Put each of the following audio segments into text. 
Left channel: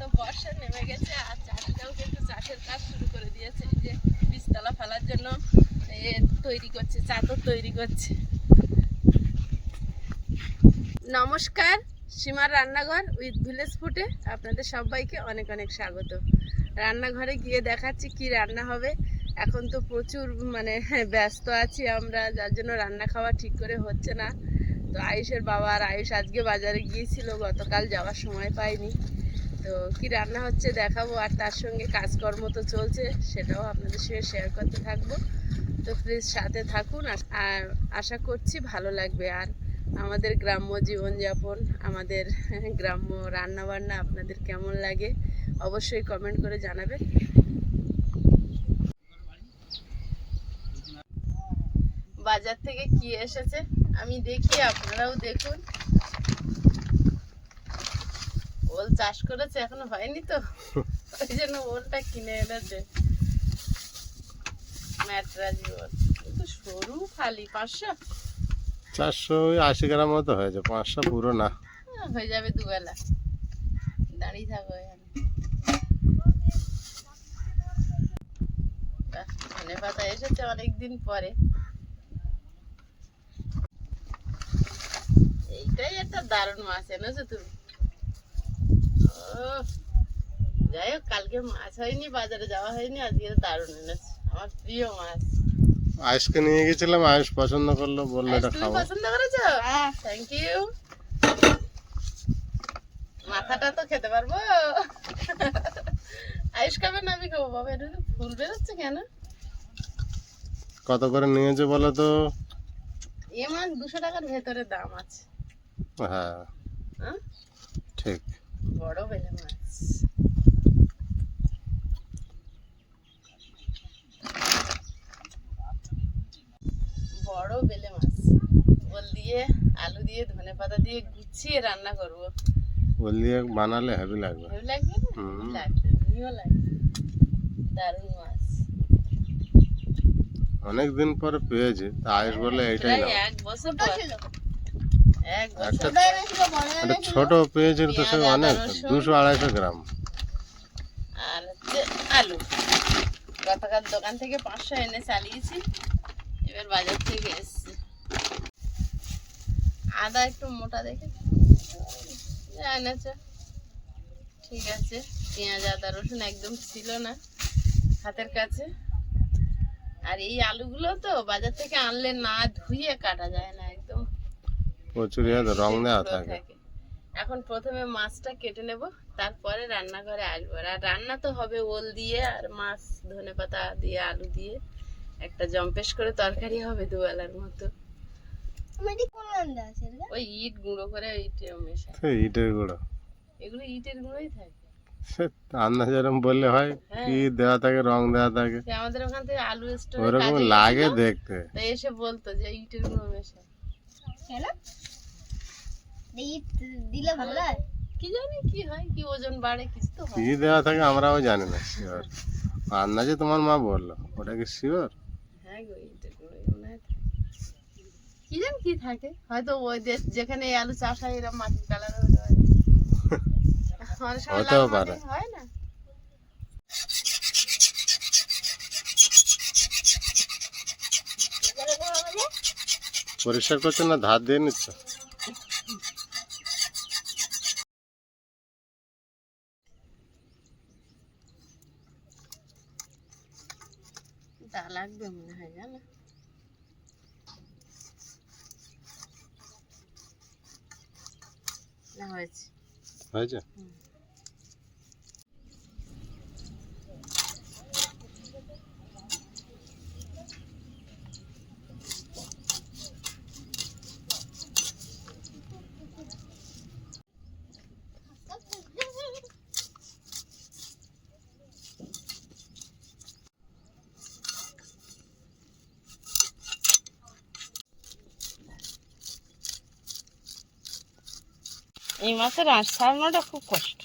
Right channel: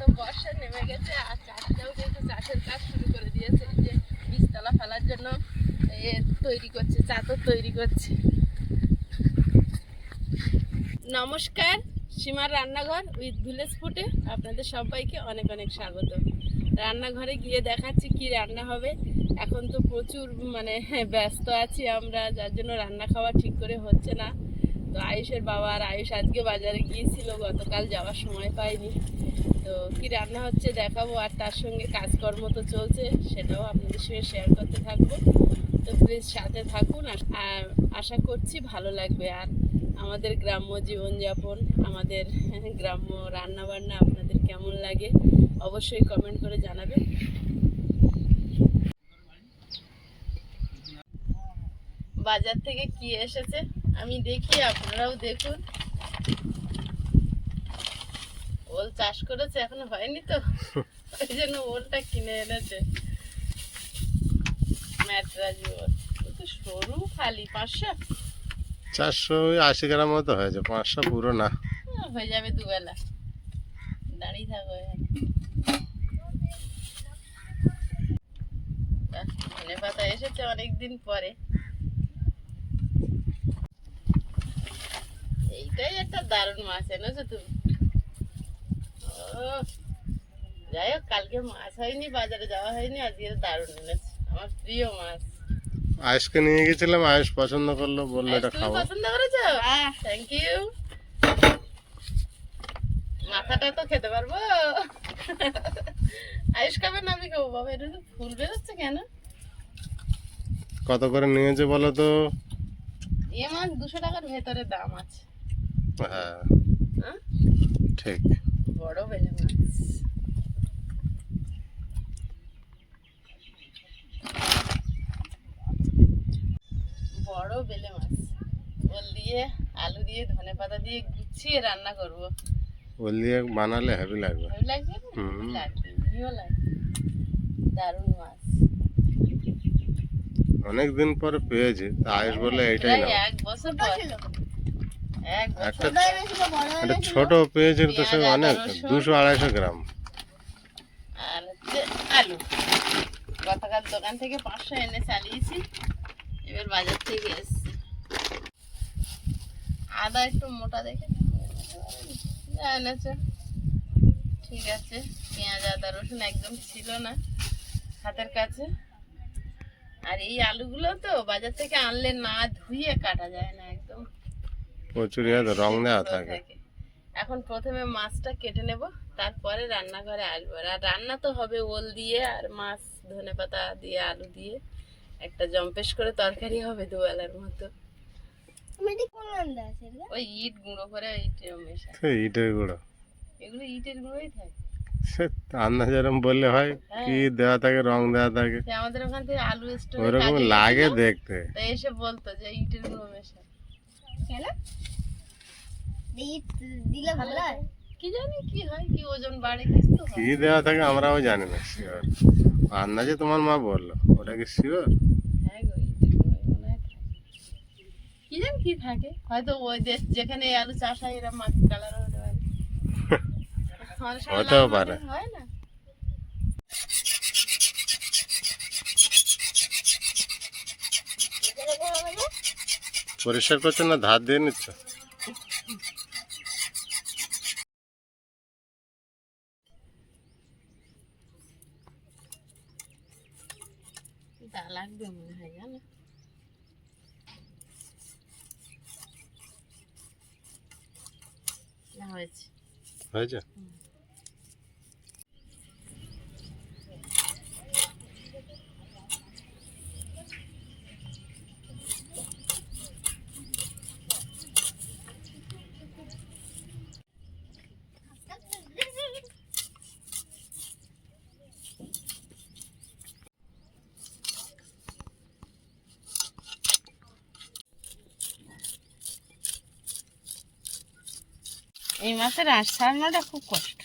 তো বর্ষা নেমে গেছে, আর চাষিরাও কিন্তু চাষের কাজ শুরু করে দিয়েছে যে বীজতলা ফেলার জন্য এ তৈরি করছে, চাদর তৈরি করছে। নমস্কার, সীমার রান্নাঘর উইথ ভিলেজ ফুটে, আপনাদের সবাইকে অনেক অনেক স্বাগত। রান্নাঘরে গিয়ে দেখাচ্ছি কি রান্না হবে এখন তো প্রচুর মানে ব্যস্ত আছি আমরা, যার জন্য রান্না খাওয়া ঠিক করে হচ্ছে না। তো আয়ুষের বাবা আর আয়ুষ আজকে বাজারে গিয়েছিল, গতকাল যাওয়ার সময় পাইনি। তো কি রান্না হচ্ছে দেখাবো, আর তার সঙ্গে কাজকর্ম তো চলছে, সেটাও আপনাদের সঙ্গে শেয়ার করতে থাকব। তো প্লিজ সাথে থাকুন, আর আশা করছি ভালো লাগবে। আর আমাদের গ্রাম্য জীবনযাপন, আমাদের গ্রাম্য রান্নাবান্না আপনাদের কেমন লাগে, অবশ্যই কমেন্ট করে জানাবেন। বাজার থেকে কি এসেছে? আমি দেখি আপনারাও দেখুন। ওল চাষ করেছে এখনও হয়নি তো? ওই জন্য ওলটা কিনে এনেছে। ম্যাটরাজি ওল। কিন্তু সরু খালি পাঁচশো? চারশো আশি গ্রাম মতো হয়েছে পাঁচশো পুরো না। হ্যাঁ, হয়ে যাবে দুবেলা। দাঁড়িয়ে থাকো এখানে। ধনে পাতা এসেছে অনেকদিন পরে। এইটাই একটা দারুণ মাছ এনেছো তুমি? ও যাই হোক কালকে মাছ হয়নি বাজারে যাওয়া হয়নি আজকে দারুণ এনেছে আমার প্রিয় মাছ। আয়ুষকে নিয়ে গেছিলাম আয়ুষ পছন্দ করল বলল এটা খাব পছন্দ করেছ? থ্যাংক ইউ মাথাটা তো খেতে পারব। আয়ুষ খাবে না আমি খাব বাবা এটা তো ফুল বেরোচ্ছে কেন? কত করে নিয়েছে বলো তো? এ মাছ দুশো টাকার ভেতরে দাম আছে। হ্যাঁ। হ্যাঁ? ঠিক। বড় বেলে মাছ। বড় বেলে মাছ। ওল দিয়ে আলু দিয়ে ধনে পাতা দিয়ে গুছিয়ে রান্না করব। ওল দিয়ে বানালে হেভি লাগবে। ভালো লাগবে না? লাগবে দারুণ মাছ। অনেক দিন পরে পেয়েছি তা আয়ুষ বললে এইটাই প্রায় নাও। এক বছর পর। একটা একটা ছোট পেয়েছি তো সে আদা, অনেক দুশো আড়াইশো গ্রাম। আর হচ্ছে আলু। গতকাল দোকান থেকে পাঁচশো এনে চালিয়েছি এবার বাজার থেকে এসছে। আদা একটু মোটা দেখে এনেছে। ঠিক আছে পেঁয়াজ আদা রসুন একদম ছিল না হাতের কাছে। আর এই আলুগুলো তো বাজার থেকে আনলে না ধুয়ে কাটা যায় না। প্রচুর রং দেওয়া থাকে। এখন প্রথমে মাছটা কেটে নেব তারপরে রান্নাঘরে আসব। আর রান্না তো হবে ওল দিয়ে আর মাছ ধনে পাতা দিয়ে আলু দিয়ে। একটা জম্পেশ করে তরকারি হবে দুবেলার মতো। ওই ইট গুঁড়ো করে ইট মেশা ইটের গুঁড়ো। এগুলো ইটের গুঁড়োই থাকে। সে আন্দাজ এরম বললে হয় কি দেওয়া থাকে রং দেওয়া থাকে। আমাদের ওখান থেকে আলু স্টোর ওরকম লাগে দেখতে। তাই এসে বলতো যে ইটের গুঁড়ো মেশা কেন দিলে ভালো হয় কি জানি কি হয় কি ওজন বাড়ে কিছু তো কি দেওয়া থাকে আমরাও জানি না শিওর। আন্দাজে তোমার মা বলল ওটা কি শিওর? হ্যাঁ। কি জানি কি থাকে হয়তো ওই দেশ যেখানে আলু চাষ হয় এরকম মাটির কালার হতে পারে হতেও পারে। হয় না। পরিষ্কার করছ না ধার দিয়ে নিচ্ছ? লাগবে মনে হয় জানো? না হয়েছে। হয়েছে? এই মাছের আঁশ ছাড়ানোটা খুব কষ্ট।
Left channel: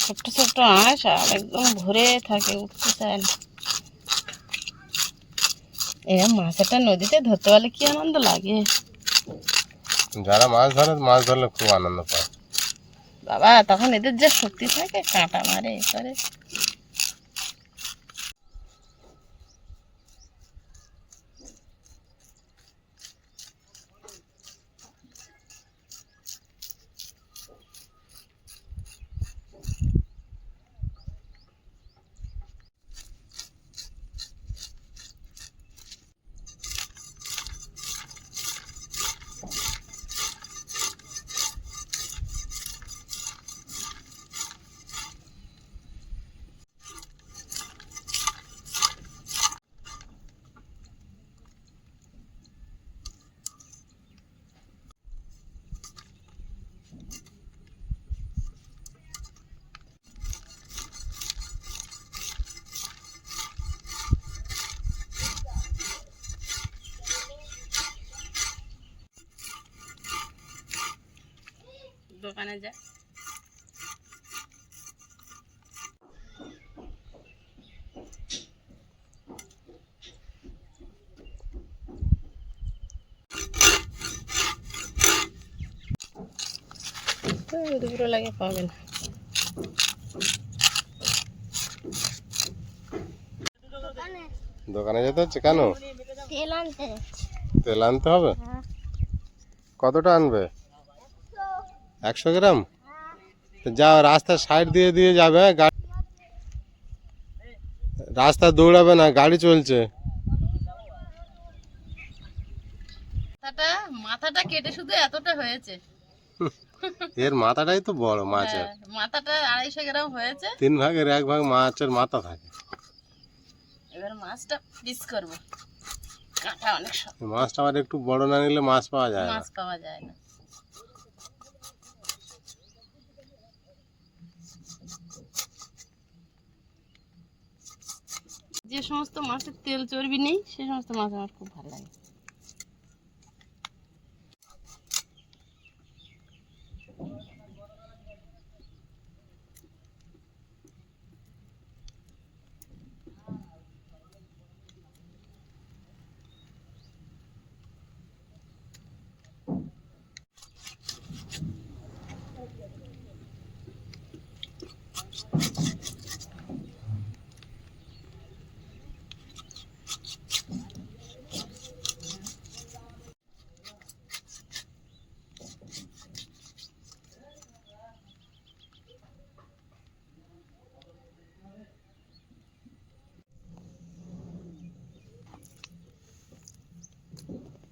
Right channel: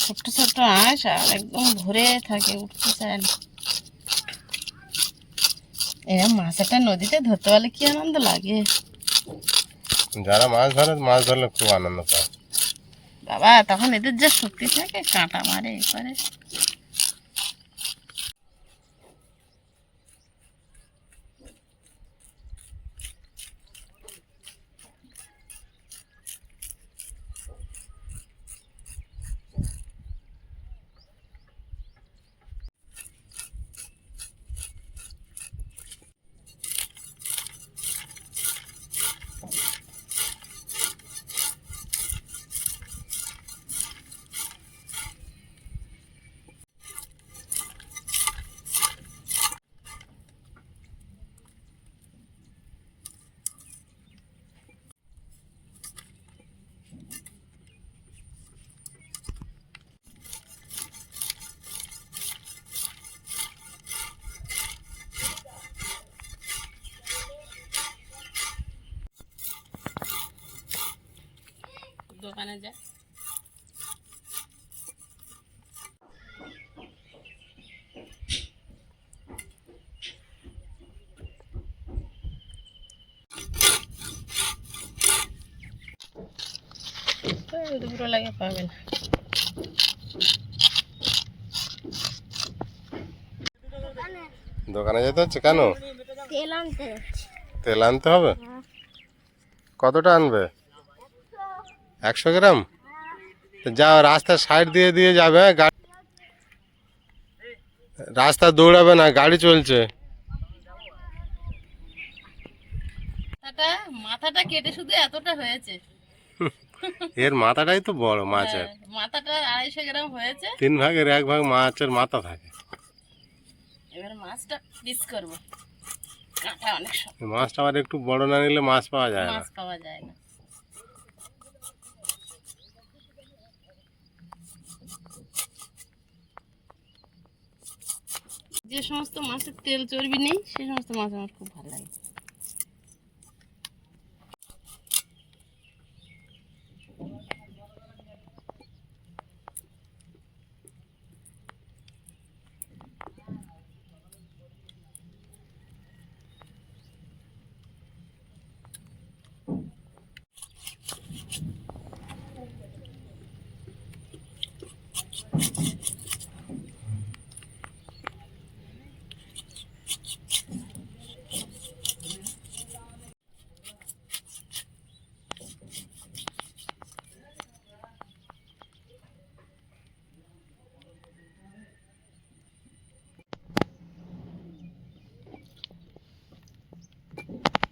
ছোট্ট ছোট্ট আঁশ আর একদম ভরে থাকে উঠতে চায় না। এরা মাছ একটা নদীতে ধরতে পারলে কি আনন্দ লাগে? যারা মাছ ধরে মাছ ধরলে খুব আনন্দ পায়। বাবা তখন এদের যে শক্তি থাকে কাঁটা মারে এ করে। দোকানে যা দুপুরে লাগে পাবেন দোকানে যেতে হচ্ছে কেন? তেল আনতে যাচ্ছি। তেল আনতে হবে? কতটা আনবে? একশো গ্রাম? যা যাও রাস্তার সাইড দিয়ে দিয়ে যাবে রাস্তা দৌড়াবে না গাড়ি চলছে। মাথাটা কেটে শুধু এতটা হয়েছে। এর মাথাটাই তো বড় মাছের। হ্যাঁ, মাথাটা আড়াইশো গ্রাম হয়েছে। তিন ভাগের এক ভাগ মাছের মাথা থাকে। এবার মাছটা পিস করব। কাঁটা অনেক মাছটা আবার একটু বড় না নিলে মাছ পাওয়া যায় না। মাছ পাওয়া যায় না। যে সমস্ত মাছের তেল চর্বি নেই সে সমস্ত মাছ আমার খুব ভালো লাগে।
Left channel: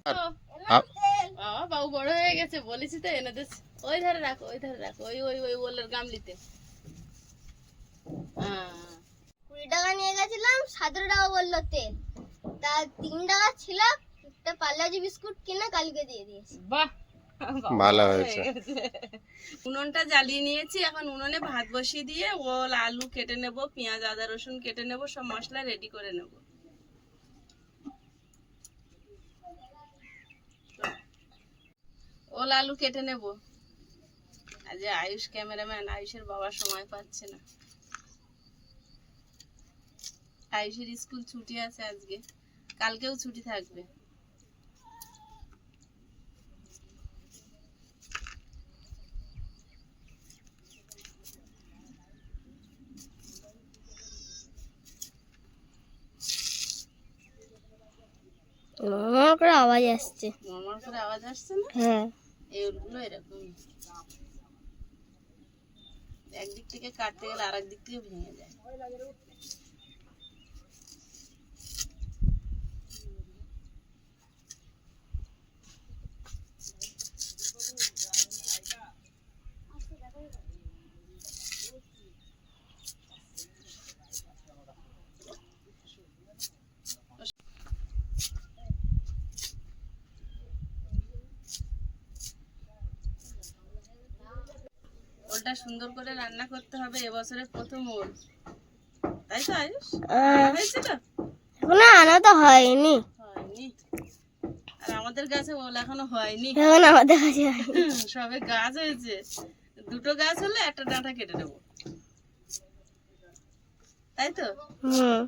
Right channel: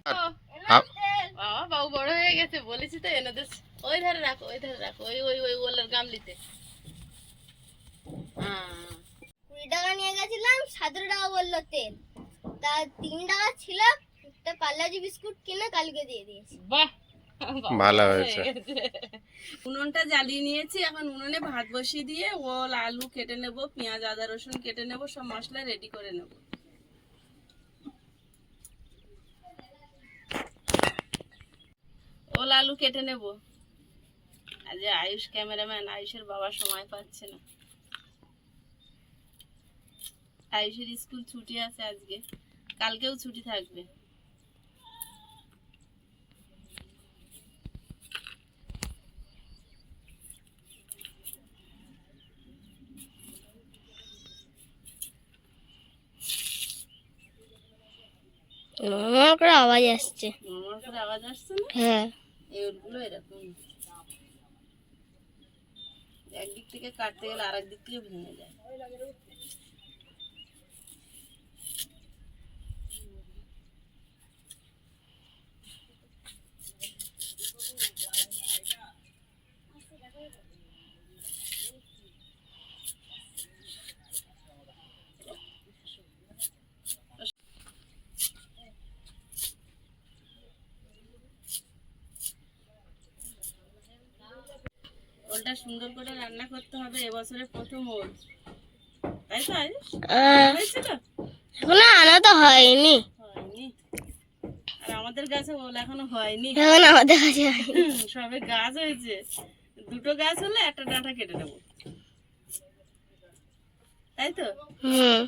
বাবা বাবু বড় হয়ে গেছে বলেছি তো এনে দিস ওই ধারে রাখো ওই ধারে রাখো ওই ওই ওই ওলের গামলিতে। হ্যাঁ কুড়ি টাকা নিয়ে গেছিলাম সতেরো টাকা বলল তেল। তা তিন টাকা ছিল একটা পার্লাজি বিস্কুট কিনে কালকে দিয়ে দিয়েছি। বাহ ভালো হয়েছে। উনুনটা জ্বালিয়ে নিয়েছি এখন উনুনে ভাত বসিয়ে দিয়ে ওল আলু কেটে নেব পেঁয়াজ আদা রসুন কেটে নেব সব মশলা রেডি করে নেব। ওল আলু কেটে নেব। আজ আয়ুষ ক্যামেরাম্যান আয়ুষের বাবা সময় পাচ্ছে না। আয়ুষের স্কুল ছুটি আছে আজকে। কালকেও ছুটি থাকবে। আমার করে আওয়াজ আসছে। আমার করে আওয়াজ আসছে না? হ্যাঁ। এই উলগুলো এরকম। একদিক থেকে কাটতে গেলে আরেক দিক থেকে ভেঙে যায়। ওলটা সুন্দর করে রান্না করতে হবে এবছরে প্রথম ওল। তাই তো আয়ুষ? হয়েছিল? এখনও আনা তো হয়নি। হয়নি। আর আমাদের গাছে ওল এখনও হয়নি। এখন আমাদের কাছে সবে গাছ হয়েছে। দুটো গাছ হলে একটা ডাঁটা কেটে নেব। তাই তো? হুম।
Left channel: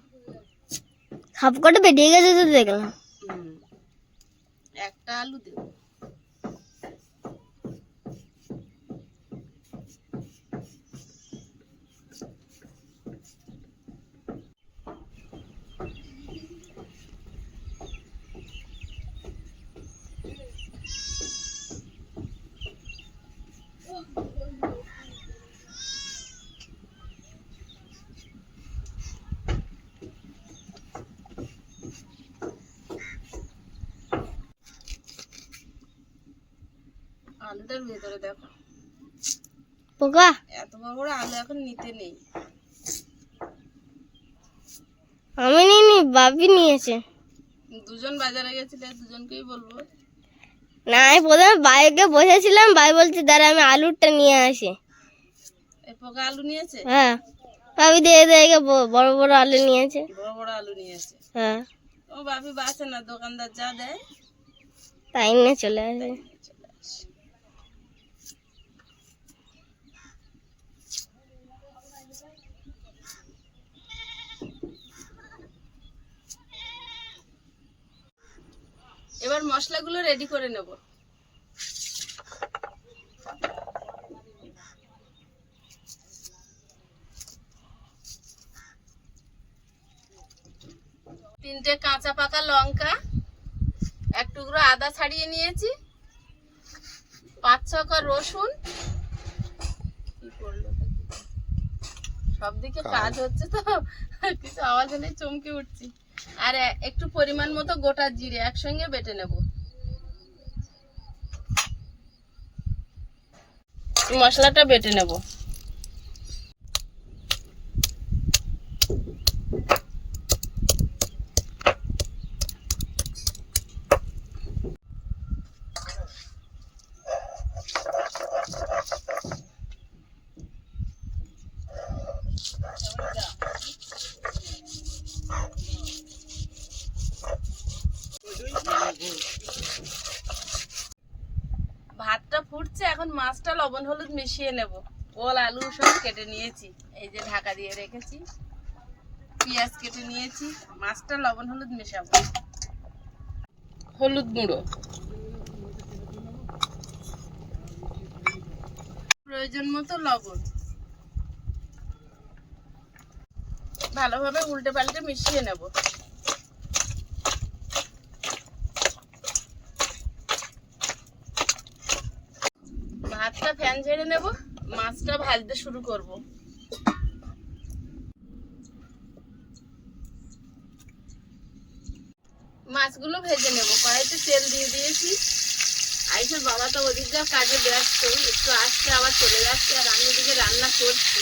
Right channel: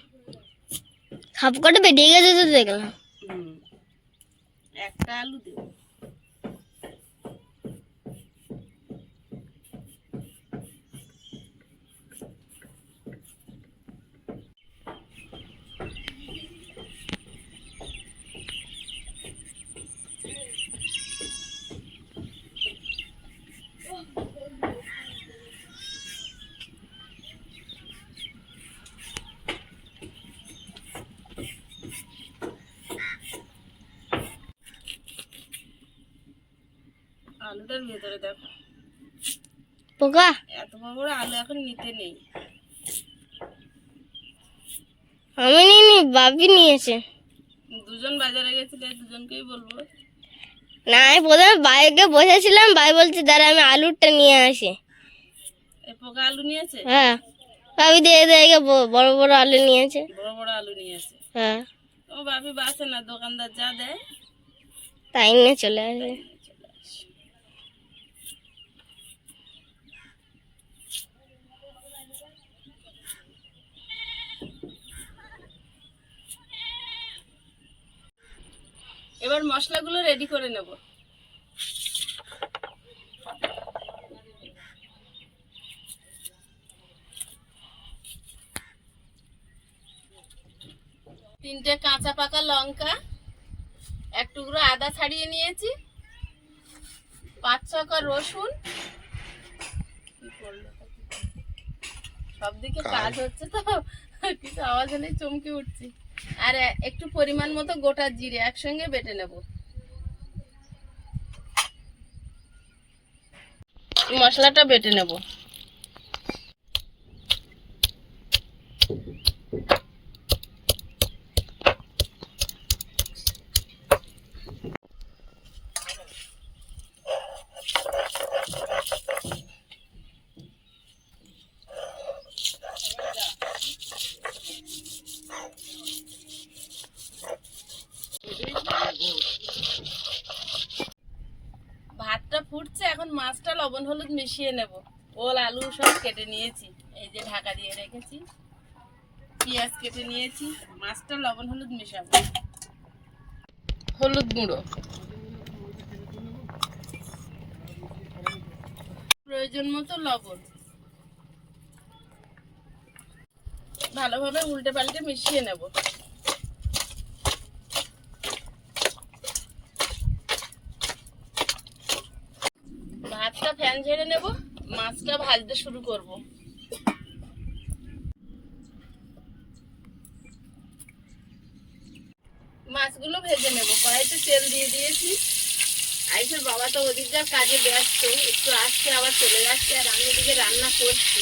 সব কটা বেরিয়ে গেছে তো দেখলাম। একটা আলু দেব। আলুটার ভেতরে দেখো। পোকা? এত বড় বড় আলু এখন নিতে নেই। আমি নিইনি বাপি নিয়েছে। দুজন বাজারে গেছিলে দুজনকেই বলব। না আমি প্রথমে বাইকে বসেছিলাম ভাই বলছে দাঁড়া আমি আলুরটা নিয়ে আসি। এই পোকা আলু নিয়েছে? হ্যাঁ। ভাবি দিয়ে দিয়ে বড় বড় আলু নিয়েছে। বড় বড় আলু নিয়েছে। হ্যাঁ। ও বাপি বাসে না দোকানদার যা দেয়। তাই নিয়ে চলে আসে এবার মশলাগুলো রেডি করে নেব। তিনটে কাঁচা পাকা লঙ্কা এক টুকরো আদা ছাড়িয়ে নিয়েছি পাঁচ ছকা রসুন। কি করল? সব দিকে কাজ হচ্ছে তো কিছু আওয়াজ হলেই চমকে উঠছি। আর একটু পরিমাণ মতো গোটা জিরে একসঙ্গে বেটে নেব। মশলাটা বেটে নেব। এখন লবণ হলুদ মিশিয়ে নেব। ওল, আলু সব কেটে নিয়েছি। এই যে ঢাকা দিয়ে রেখেছি। পেঁয়াজ কেটে নিয়েছি। মাছটা লবণ হলুদ মেশাবো। হলুদ গুঁড়ো। প্রয়োজন মতো লবণ। ভালোভাবে উল্টে পাল্টে মিশিয়ে নেব। ফ্যান ঝেড়ে নেব, মাছটা ভাজতে শুরু করব। মাছগুলো ভেজে নেব, কড়াইতে তেল দিয়ে দিয়েছি। আইসের বাবা তো ওদিক যা কাজে ব্যস্ত, একটু আসছে, আবার চলে যাচ্ছে, আর আমি ওদিকে রান্না করছি।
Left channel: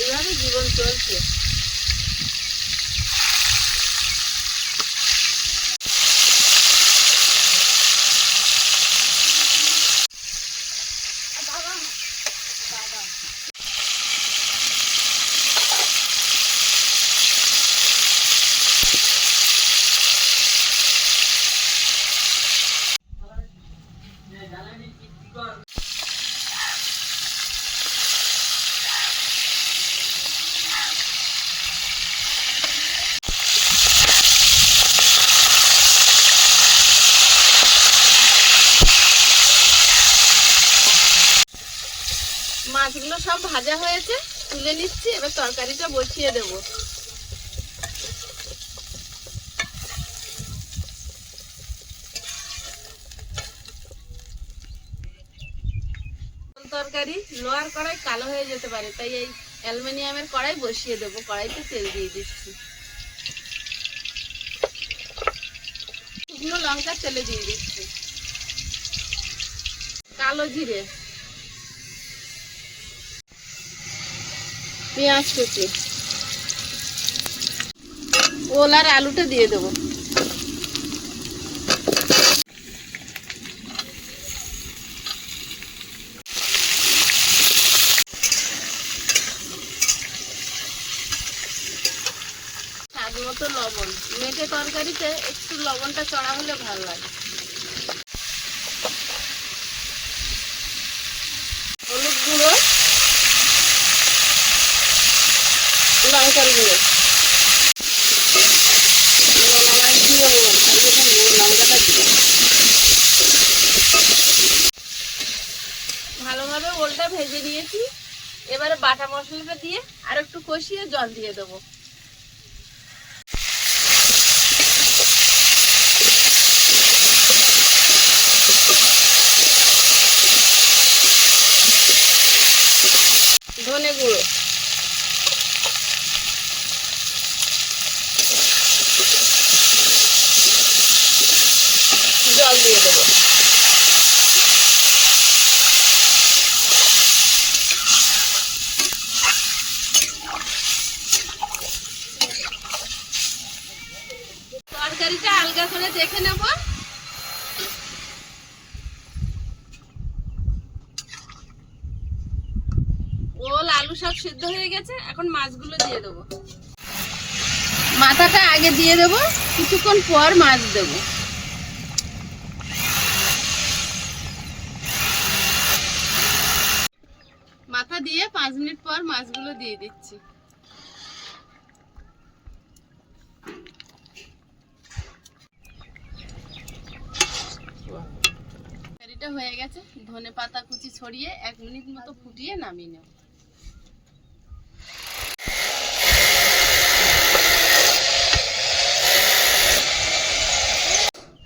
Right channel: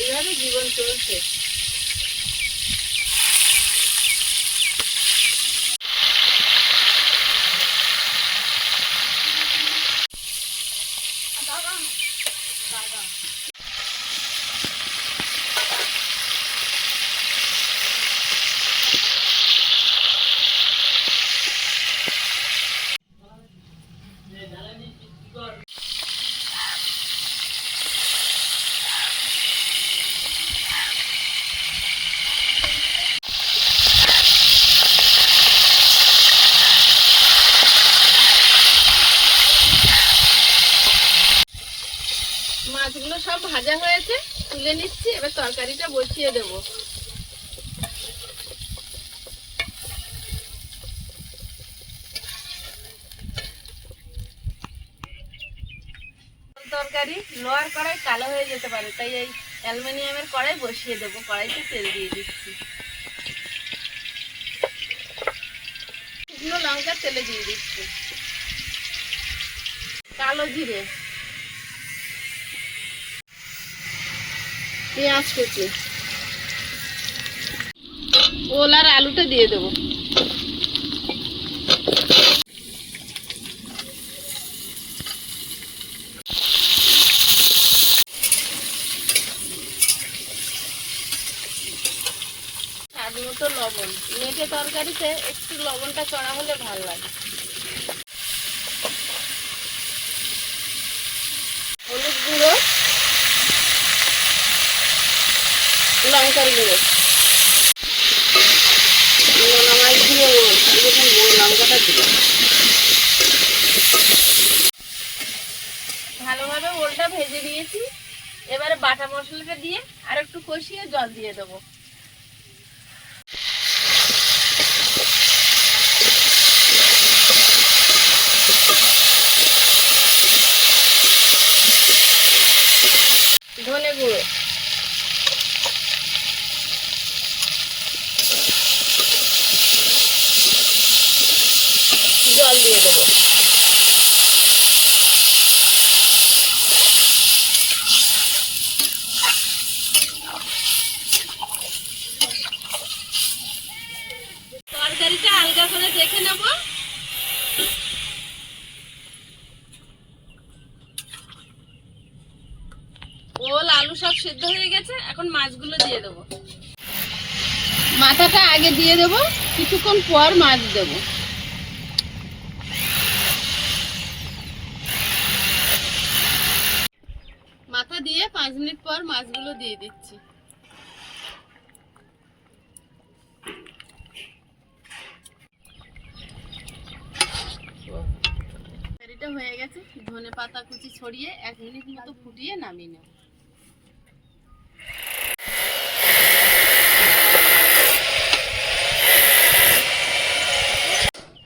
এইভাবে জীবন চলছে মাছগুলো সব ভাজা হয়েছে, তুলে নিচ্ছি, এবার তরকারিটা বসিয়ে দেব। তরকারি? লোহার কড়াই কালো হয়ে যেতে পারে, তাই এই অ্যালুমিনিয়ামের কড়াই বসিয়ে দেবো, কড়াইতে তেল দিয়ে দিচ্ছি। শুকনো লঙ্কা তেলে দিয়ে দিচ্ছি। কালো জিরে। পেঁয়াজ কুচি ওল আর আলুটা দিয়ে দেবো। স্বাদ মতো লবণ। মেটে তরকারিতে একটু লবণটা চড়া হলে ভালো লাগে। ভালোভাবে ওলটা ভেজে দিয়েছি এবারে বাটা মশলাটা দিয়ে আর একটু কষিয়ে জল দিয়ে দেবো। দিয়ে দেবো। তরকারিটা দেখে ওল, আলু সব সিদ্ধ হয়ে গেছে, এখন মাছগুলো দিয়ে দেবো। মাথাটা আগে দিয়ে দেবো, কিছুক্ষণ পর মাছ দেবো মাথা দিয়ে পাঁচ মিনিট পর মাছগুলো দিয়ে দিচ্ছি। হয়ে গেছে, ধনে পাতা কুচি ছড়িয়ে এক মিনিট মতো ফুটিয়ে নামিয়ে নেব।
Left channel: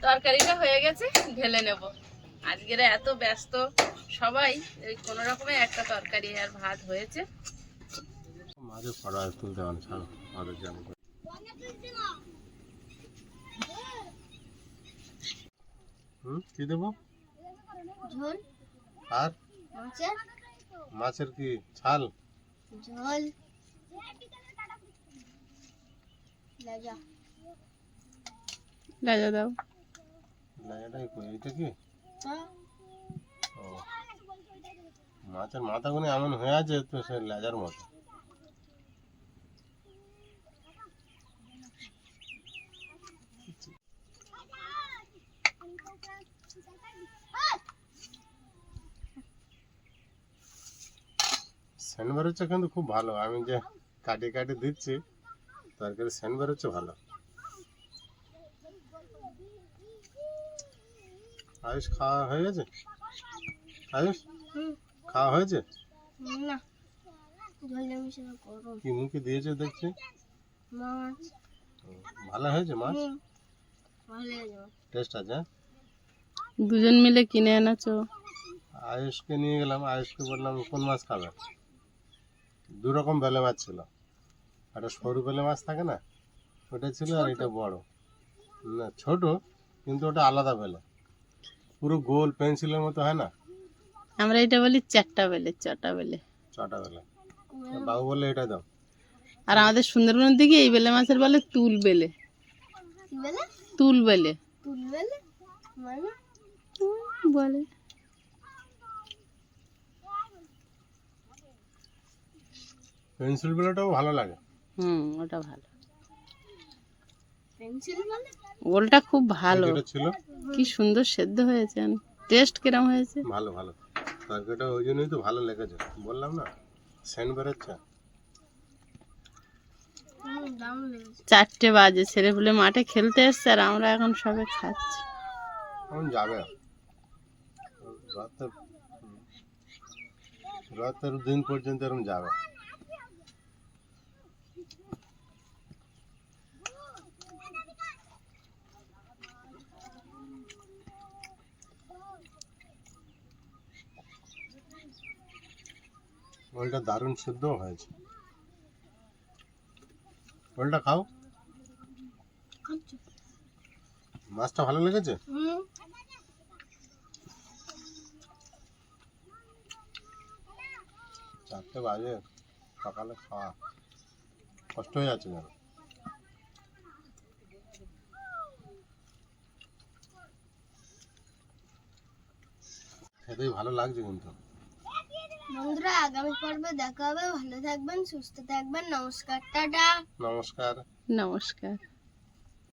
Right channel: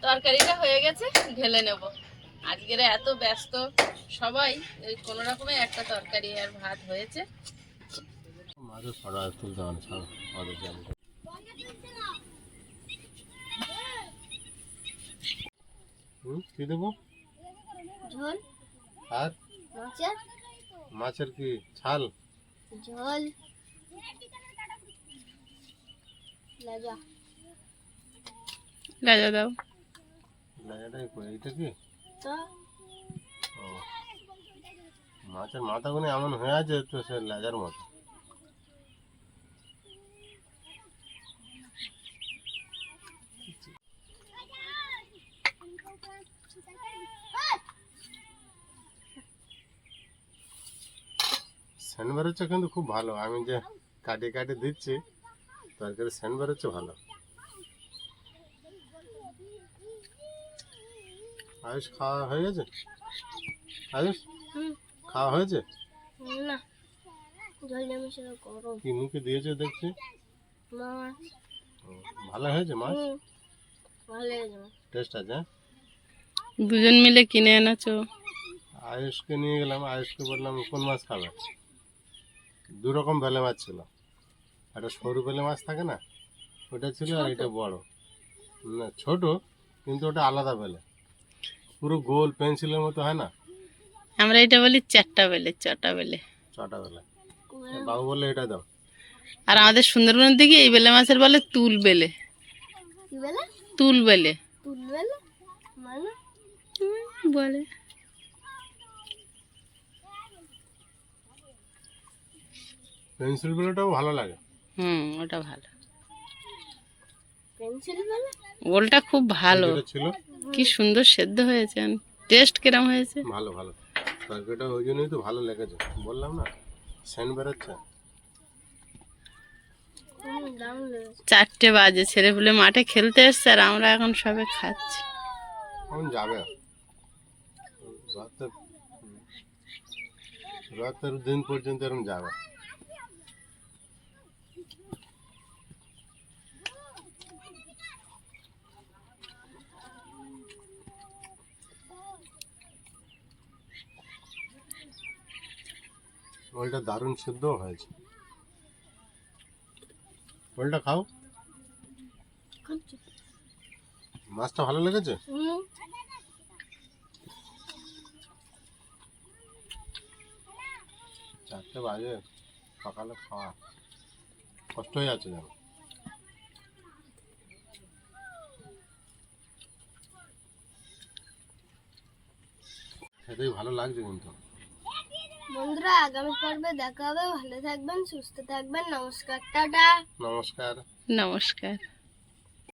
তরকারিটা হয়ে গেছে, ঢেলে নেব। আজকের এত ব্যস্ত সবাই এই কোনো রকমে একটা তরকারি আর ভাত হয়েছে। মাঝে ফটো আর তুলতে কি দেবো? ঝোল। আর? মাছের। মাছের কি? ছাল ঝোল। লেজা রাজা দাও। লেজাটাই কই এইটা কি? ও। মাছের মাথাগুলো এমন হয়ে আছে তো সে লেজার মতো। সেন্ট বেরোচ্ছে কিন্তু খুব ভালো। আমি যে কাটিয়ে কাটিয়ে দিচ্ছি, তরকারি সেন্ট বেরোচ্ছে ভালো। আয়ুষ, খাওয়া হয়ে গেছে? আয়ুষ? খাওয়া হয়েছে? না। ঝোল মিশে গরম কি মুখে দিয়েছে দেখছি? মাছ। ভালো হয়েছে মাছ? ভালো টেস্ট আছে? হ্যাঁ? দুজন মিলে কিনে এনেছো? আয়ুষকে নিয়ে গেলাম আয়ুষকে বললাম কোন মাছ খাবে? দু রকম বেলে মাছ ছিল। একটা সরু বেলে মাছ থাকে না? ওটা ছিল আর এটা বড়। না ছোট কিন্তু ওটা আলাদা বেলে। পুরো গোল পেন্সিলের মতো হয় না? আমরা এটা বলি চারটা বেলে চটা বেলে। ছটা বেলে। বাবু বললে এটা দাও। আর আমাদের সুন্দরবনের দিকে এই বেলে মাছের বলে তুল বেলে। তুল বেলে। তুল বলে? মানে? বলে। পেন্সিল বেলেটাও ভালো লাগে। হুম ওটা ভালো। পেন্সিল বলে? ওলটা খুব ভালো। কি সুন্দর সেদ্ধ হয়েছে টেস্ট কিরম হয়েছে? ভালো ভালো। তরকারিটা ওই জন্যই তো ভালো লেগেছে। বললাম না সেন্ট বেরোচ্ছে চারটে বাজে ছেলে পুলে মাঠে খেলতে এসছে আর আমরা এখন সবে খাচ্ছি। এখন যাবে রাতের রাতের দিন পর্যন্ত এরকম যাবে। ওলটা দারুণ সিদ্ধ হয়েছে। ওলটা খাও। মাছটা ভালো লেগেছে? চারটে বাজে সকালে খাওয়া। কষ্ট হয়ে যাচ্ছে যেন। খেতেই ভালো লাগছে কিন্তু। বন্ধুরা আগামী পর্বে দেখা হবে। ভালো থাকবেন সুস্থ থাকবেন। নমস্কার টাটা। নমস্কার। নমস্কার।